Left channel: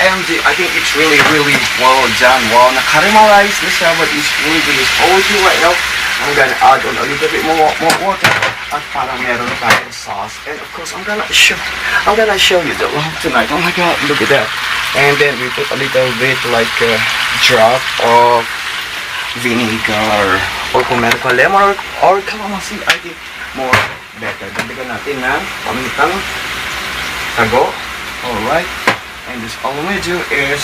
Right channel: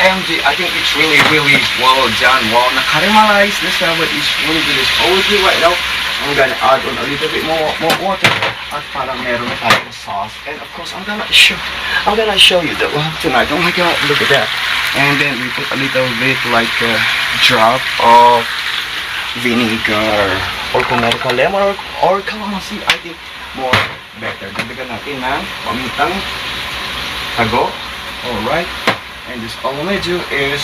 OMG, I think it's really, really well done. Wow, na-caramelize the salad is really good. It's always good right now. I'm gonna add on a little bit more water at para meron na tayong sauce. And of course, I'm gonna show you the love tonight. Oh my god, look at that. And then we put a little bit like a drop of vinegar or kung meron ka lemon or calamansi, I think more better. Dagdagan natin ng pamintang tago. Alright. And this all I'm gonna do is,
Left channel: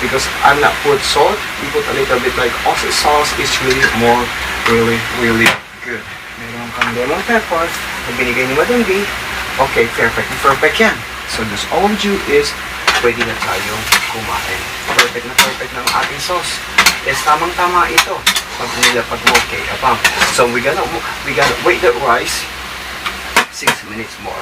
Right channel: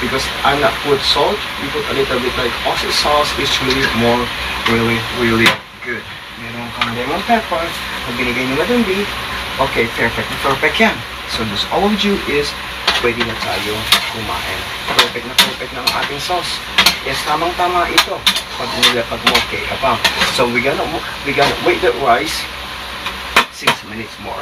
because I'm not put salt, we put a little bit like oyster sauce. It's really more, really, really good. Meron kang lemon pepper na binigay ni Madunggi. Okay, perfect yan. So this all we do is, pwede na tayo kumain. Perfect ng ating sauce. Yes, tamang-tama ito. Pag mo okay, apam. So we gonna wait the rice 6 minutes more.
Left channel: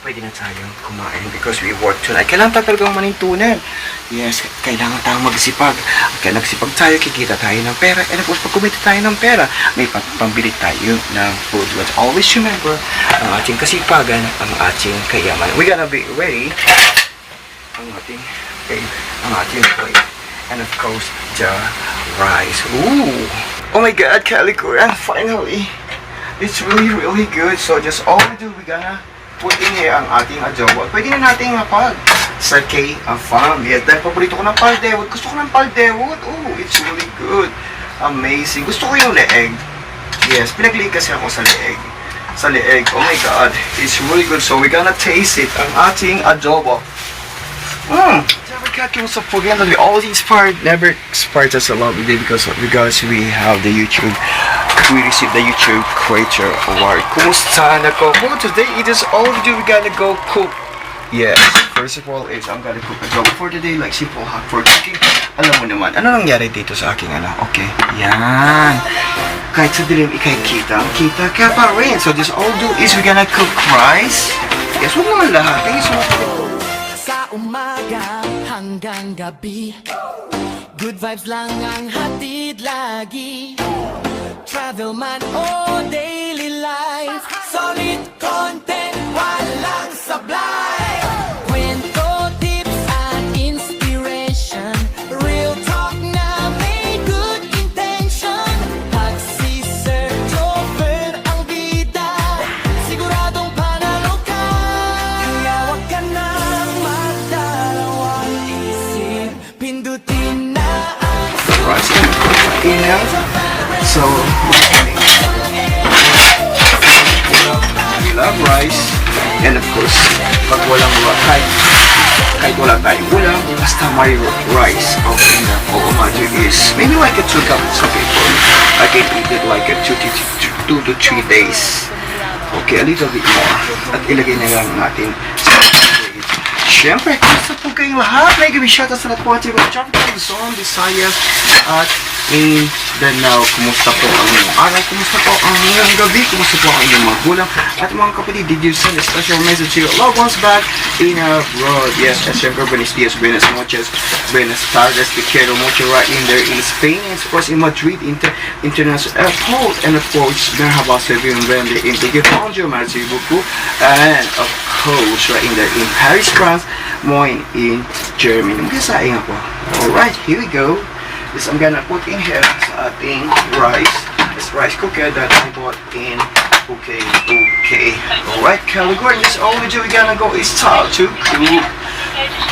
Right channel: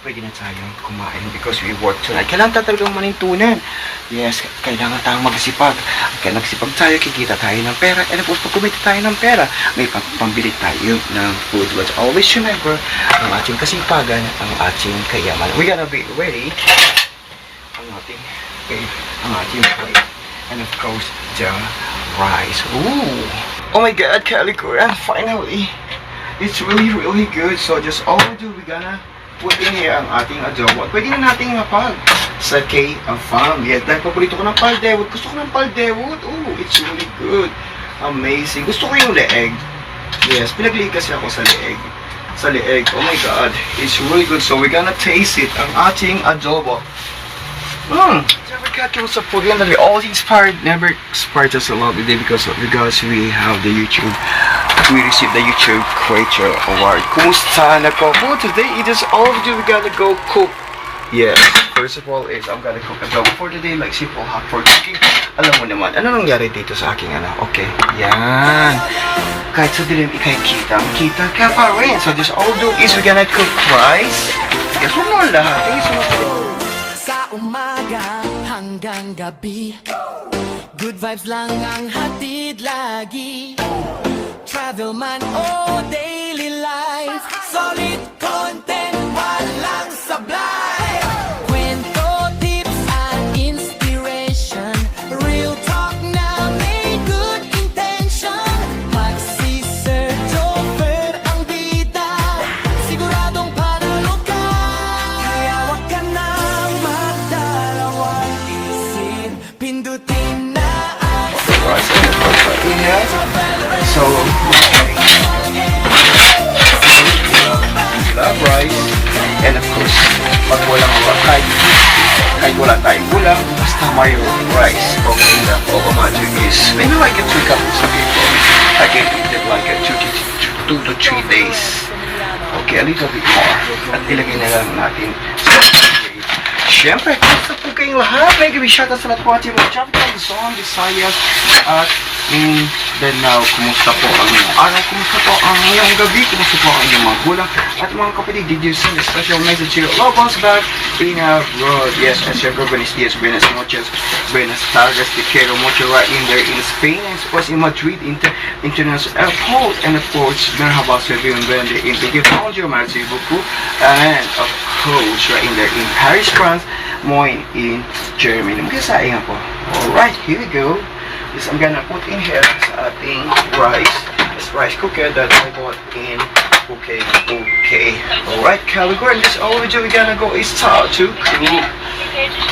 Pwede na tayong kumain because we work tonight. Kailangan talagang manintunan. Yes, kailangan tayong magsipag. Kaya nagsipag tayo, kikita tayo ng pera. And of course, pag kumita tayo ng pera, may pambili tayo ng food. But always remember, ang ating kasipagan, ang ating kayaman. We gotta be ready. Ang ating plate. And of course, the rice. Ooh! Oh my God, Kalikuran, finally! It's really, really good. So just all we do, we gonna put in here ang ating adobo. Pwede na natin sakay ang farm. Yes, dahil paborito ko ng paldewot. Gusto ko ng paldewot. Oh, it's really good. Amazing. Gusto ko yung leeg. Yes, pinaglig kasi ako sa leeg. Oh my God. It's really good. So we're gonna taste it. Ang ating adobo. Never got to forget that we all inspired. Never inspired us a lot today because we have the YouTube. We received the YouTube Creator Award. Kumusta na ko? Well, today it is all we do. We gotta go cook. Yes. First of all is I'm gonna cook adobo for today, like simple hot for cooking. Alam mo naman, ano nangyari dito sa aking Okay. Yan. Kahit sa dilim, kita ka pa rin. So this all do is we gonna cook rice. Yes, huwag naman lahat. Thank you so much. Sa umaga hanggang gabi, good vibes lang ang hatid lagi. Travel man o daily life, solid content, walang sablay. Kwento, tips at inspiration, real talk na may good intention. Pag si Sir Jobber ang bida, siguradong panalo ka. Kaya wag ka nang magdalawang isip, pindutin na ang So, we love rice. And of course, pag walang kahit wala tayong ulam, basta may rice. Okay na po, imagine is maybe like a 2 cup is okay for me. I can eat it like a 2 to 3 days. Okay, a little bit more. At ilagay na lang natin sa plate. Siyempre, kumusta po kayong lahat? May gabi shout out sa lahat po at yung traffic tayo Luzon, Visayas, at Mindanao. Kumusta po ang inyong araw? Kumusta po ang inyong gabi? Kumusta po ang inyong mga gulang? At mga kapatid, did you send a special message to your loved ones back in abroad? Yes, and siyempre, buenos dias, buenas noches, buenas tardes, te quiero mucho right in there in Spain, and of course in Madrid International Airport, and of course, merhaba sa bienvenue in Tigre, bonjour, merci beaucoup, and of course, right in there in Paris, France, Moin in Germany. Magkasaya nga po. Alright, here we go. This I'm gonna put in here sa ating rice. This rice cooker that I bought in okay. Alright, Caligor, this all we do, we're gonna go is start to cook.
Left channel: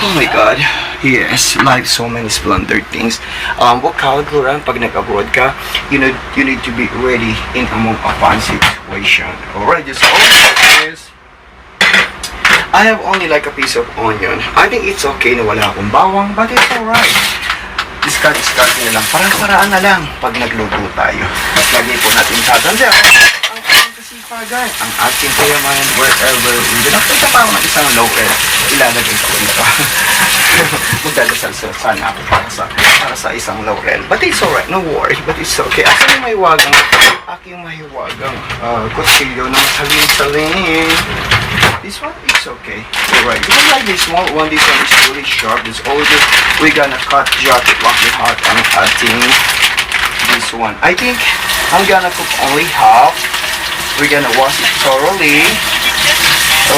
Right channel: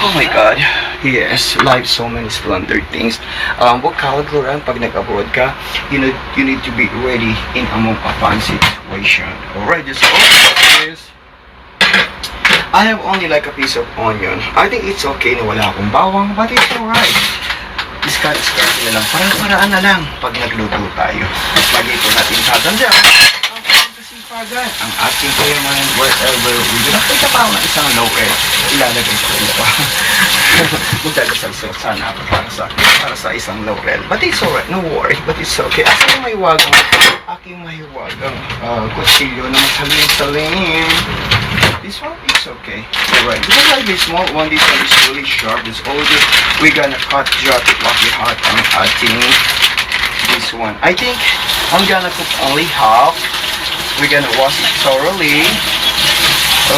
Oh my God. Yes, life so many splendid things. What Caligor, pag nag-abroad ka, you need to be ready in among a fun situation. Alright, this all is I have only like a piece of onion. I think it's okay na wala akong bawang, but it's alright. Discard nyo lang. Parang-paraan na lang pag nagluto tayo. At lagi po natin tatandaan ang ating kasipagan, ang ating kayaman, wherever we do. Nakita pa ako ng isang lower. Ilalagay ko ito. Magdadasal sana ako para sa isang laurel. But it's alright, no worry. But it's okay. Aking mahiwagang kutsilyo na masalin-salin. This one is okay. Alright, because like this small one, this one is really sharp. This older, we're gonna cut just like the hot and cutting this one. I think I'm gonna cook only half. We're gonna wash it thoroughly.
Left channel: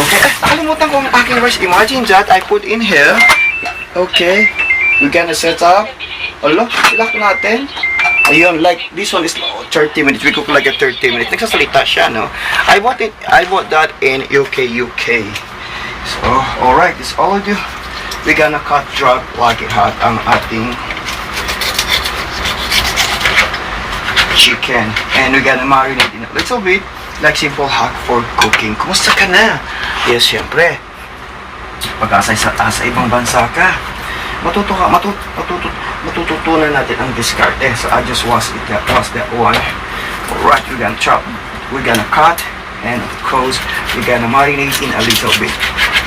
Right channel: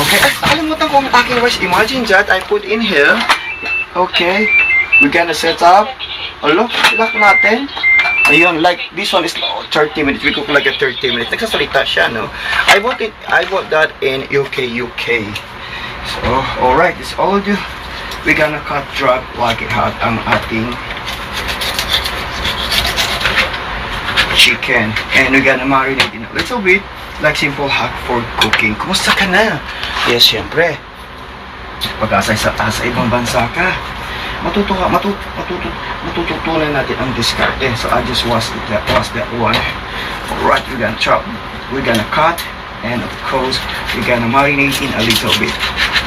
Okay, nakalimutan ko ang aking rice. Imagine that I put in here Okay. We're gonna set up. Alo, ilak natin. Ayun, like, this one is 30 minutes. We cook like a 30 minutes. Nagsasalita siya, no? I bought that in UK. So, alright, it's all due. We're gonna cut drop like it hot ang ating chicken. And we're gonna marinate in a little bit, like simple hack for cooking. Kumusta ka na? Yes, syempre. Pag-asa sa ibang bansa ka, matututunan natin ang diskarte. So I just was that one. Alright, we're gonna chop, we're gonna cut, and of course, we're gonna marinate in a little bit.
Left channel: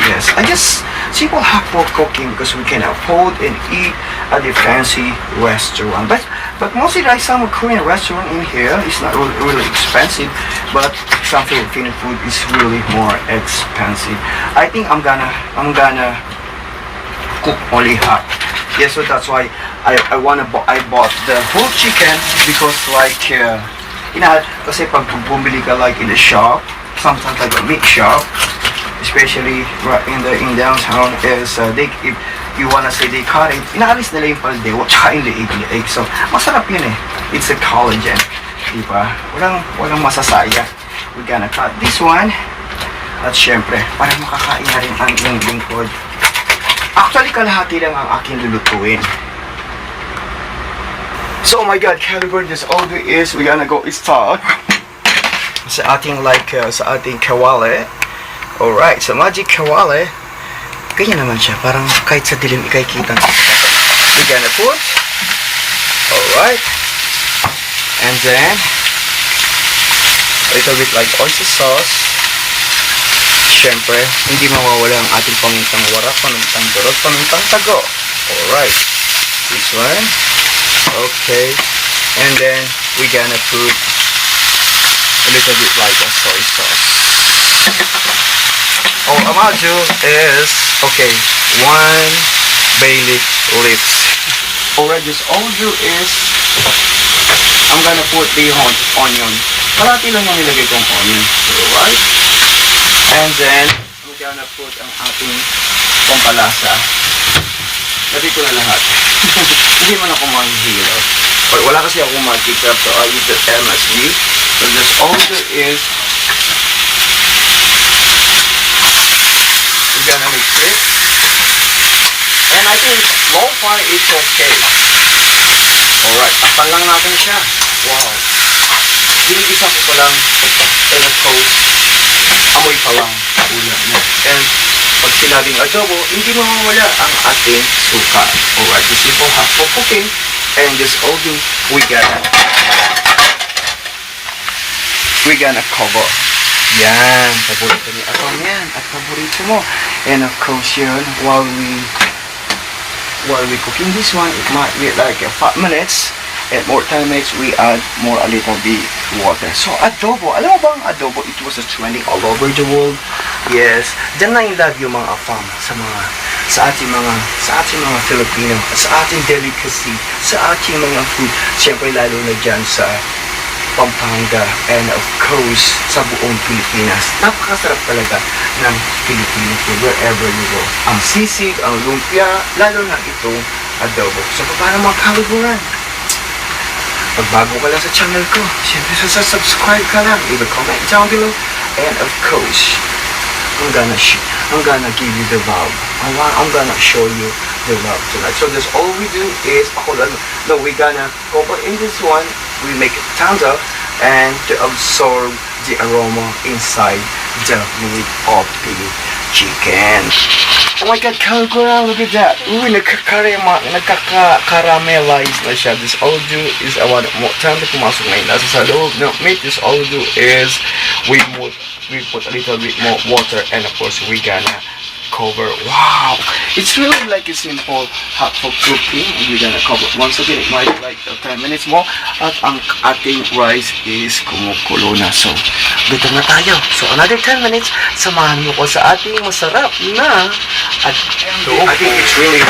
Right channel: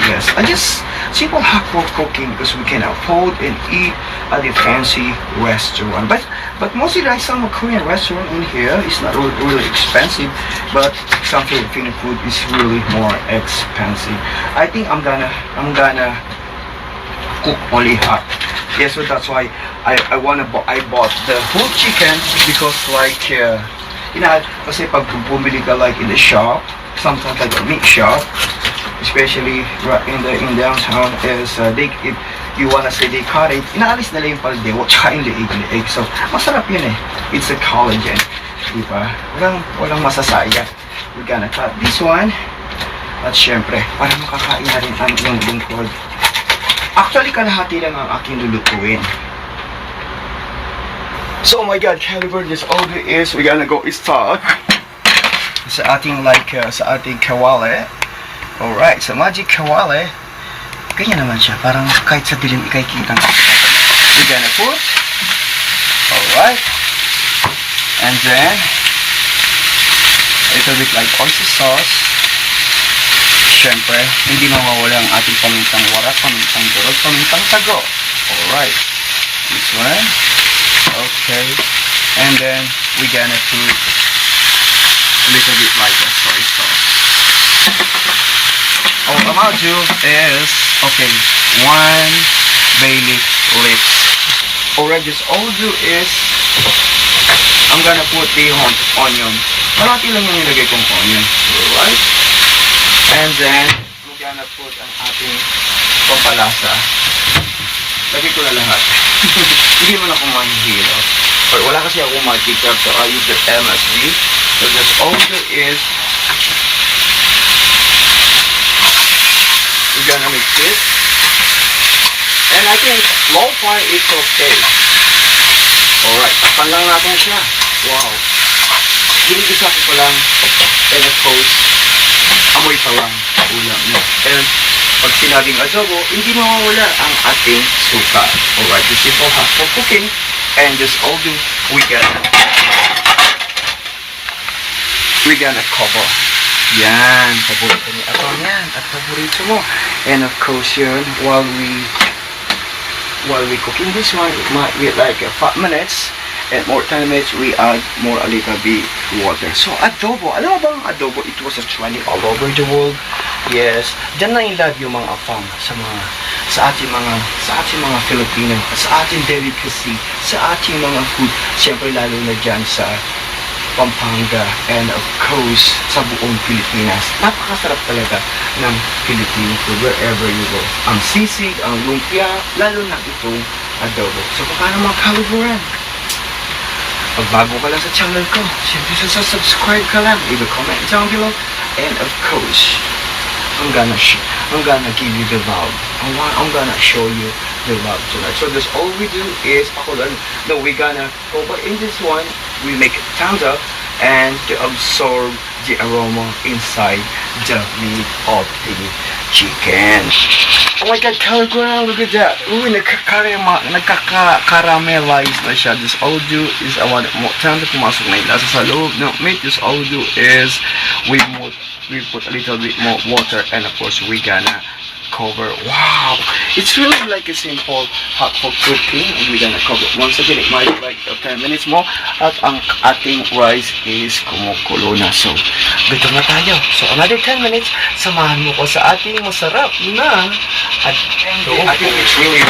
Yes, I just simple hack for cooking because we can afford and eat at the fancy restaurant. But mostly like some Korean restaurant in here is not really expensive, but some Filipino food is really more expensive. I think I'm gonna cook only hot. Yes, so that's why I bought the whole chicken because like kasi pag bumili ka like in the shop, sometimes like a meat shop, especially in downtown is if you wanna say they cut it, inaalis nila yung paldewo tsaka yung leeg. So masarap yun eh. It's a collagen, diba? Walang masasaya. We're gonna cut this one at syempre para makakain na rin ang iyong lingkod. Actually, kalahati lang ang aking lulutuin. So, oh my God, caliber, this all it is, we're gonna go start sa ating sa ating kawale. Alright, sa magic kawale, ganyan naman siya, parang kahit sa dilim ikay kita. We're gonna put, alright, and then, a little bit like oyster sauce. Siyempre, hindi mawawala ang ating pamintang warak, pamintang durog, pamintang tago. Alright. This one. Okay. And then, we're gonna put a little bit like a soy sauce. Our amaju is, okay, 1 bay leaf lips. Alright, this all do is, I'm gonna put the onion. Parati lang yung nilagay kong onion. Alright. And then, we're gonna put ang ating pampalasa. Lagay ko na lahat. Hindi man ako manghihilo. But wala kasi ako mag-ketchup, so I use the MSG. So just all there is, we're gonna mix it. And I think low fire is okay. Alright, takpan lang natin siya. Wow. Ginigisa ko pa lang. And of course, amoy pa lang ulam niya. And pag sinabing adobo, hindi mawawala ang ating suka. Alright, the simple hack for cooking. And just all do, we're gonna cover. Yan, paborito ni Aton yan. At paborito mo. And of course yun, while we cooking this one, it might be like 5 minutes. And more time minutes, we add more a little bit water. So adobo, alam mo bang adobo, it was a trending all over the world. Yes, dyan na in love yung mga afam sa ating mga Filipino, sa ating delicacy, sa ating mga food. Siyempre lalo na dyan sa Pampanga and of course sa buong Pilipinas. Napakasarap talaga ng Filipino food wherever you go. Ang sisig, ang lumpia, lalo na itong adobo. So paano mga kaluburan? Pag bago ka lang sa channel ko, siyempre subscribe ka lang, leave a comment down below, and of course, I'm gonna give you the love. I'm gonna show you the love tonight. So that's all we do is, hold on, no, we're gonna cover in this one, we make it thumbs up, and to absorb the aroma inside the meat of the chicken. Oh my God, Caligura, look at that. Uy, nagkaka-caramelize na siya. This all do is, more time na pumasok na yung lasa sa loob ng meat. This all do is, we put a little bit more water, and of course, we gonna cover. Wow! It's really like a simple hot for cooking, and we're gonna cover. Once again, it might be like 10 minutes more, at ang ating rice is kumukulo na. So, gutom na tayo. So, another 10 minutes, samahan mo ko sa ating masarap na adobo. I think it's really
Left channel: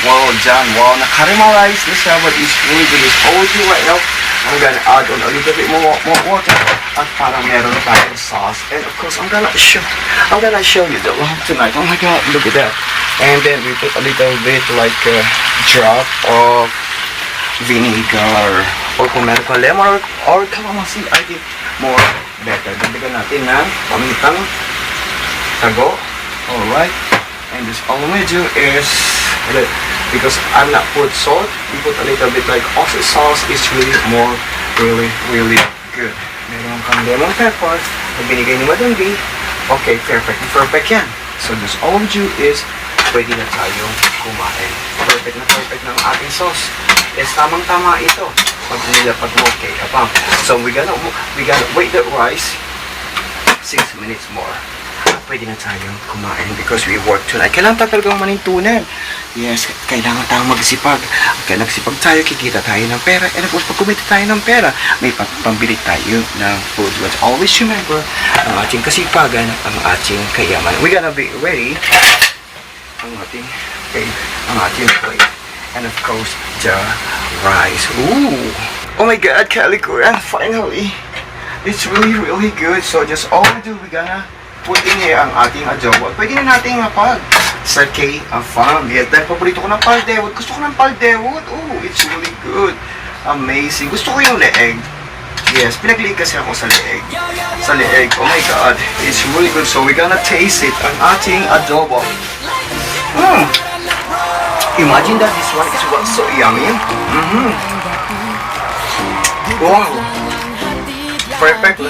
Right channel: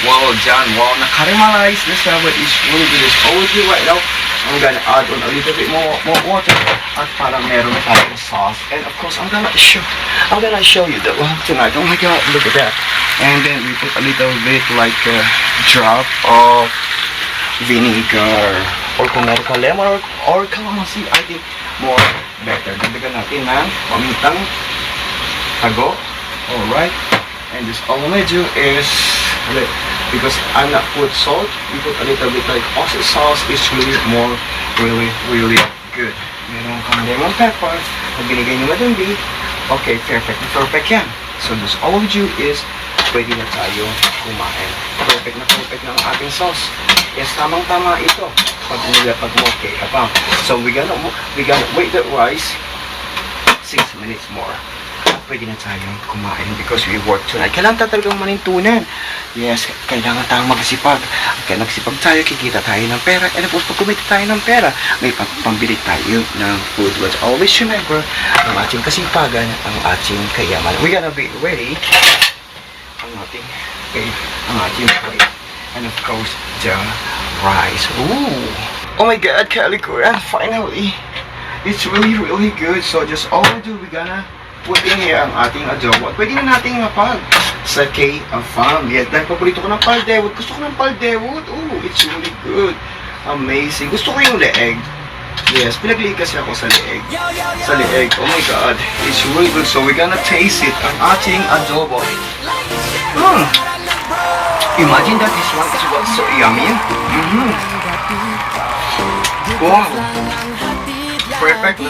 well done. Wow, na-caramelize na siya, but it's really good. It's always right now. I'm gonna add on a little bit more water at para meron na tayong sauce. And of course, I'm gonna show you the love tonight. Oh my god, look at that. And then we put a little bit like a drop of vinegar or kung meron ka lemon or calamansi, I think more better. Dagdagan natin ng pamintang tago. Alright. And this all we do is, because I'm not put salt, we put a little bit like Aussie sauce. It's really more, really good. Meron kang lemon pepper na binigay ni Madundi. Okay, perfect yan. So this all we do is, pwede na tayo kumain. Perfect ng ating sauce. Yes, tamang-tama ito. Pag nilapag mo, okay, apang. So we gonna wait the rice 6 minutes more. Pwede na tayong kumain because we work tonight. Kailangan talagang manintunan. Yes, kailangan tayong magsipag. Kaya nagsipag tayo, kikita tayo ng pera. And of course, pag kumita tayo ng pera, may pambili tayo ng food. But always remember, ang ating kasipagan, ang ating kayaman. We're gonna be ready ang ating plate. And of course, the rice. Ooh! Oh my God, Kalikuran, finally! It's really good. So just all we do, we're gonna put in here ang ating adobo. Pwede na natin sakay ang farm. Yes, dahil paborito ko ng paldewot. Gusto ko ng paldewot. Oh, it's really good. Amazing. Gusto ko yung leeg. Yes, pinag-leeg kasi ako sa leeg. Sa leeg. Oh my God. It's really good. So we're gonna taste it. Ang ating adobo. Imagine that this one is so yummy. Wow. Perfect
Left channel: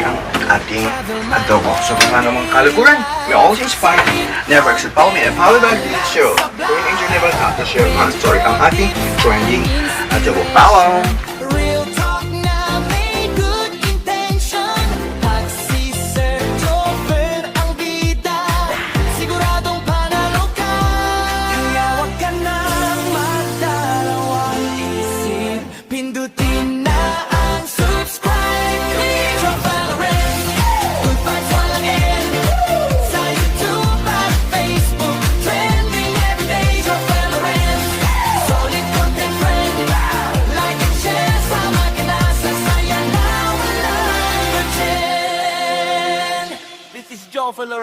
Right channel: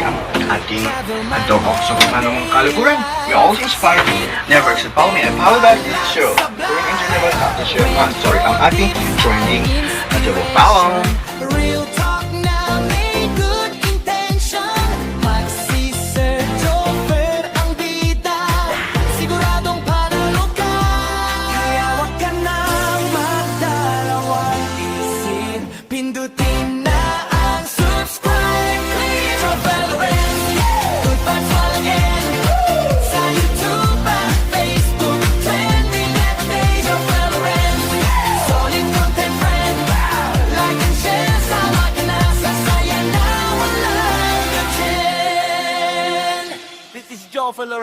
ang ating adobo. So kung ano mga kalikuran, we always inspire, never accept. Follow me and follow back this show. Going into never have to share. I'm sorry, ang ating trending adobo. Follow! Real talk na may good intention. Pag si Sir Joffer ang bida, siguradong panalo ka. Kaya wag ka nang magdalawang isip. Pindutin na ang subscribe. Click Joffer Lorenz. Good vibes walang end. Sa YouTube at Facebook, trending everyday Joffer Lorenz. Solid content friend. Like and share, sama ka na sa saya na walang pretend. This is Joffer Lorenz.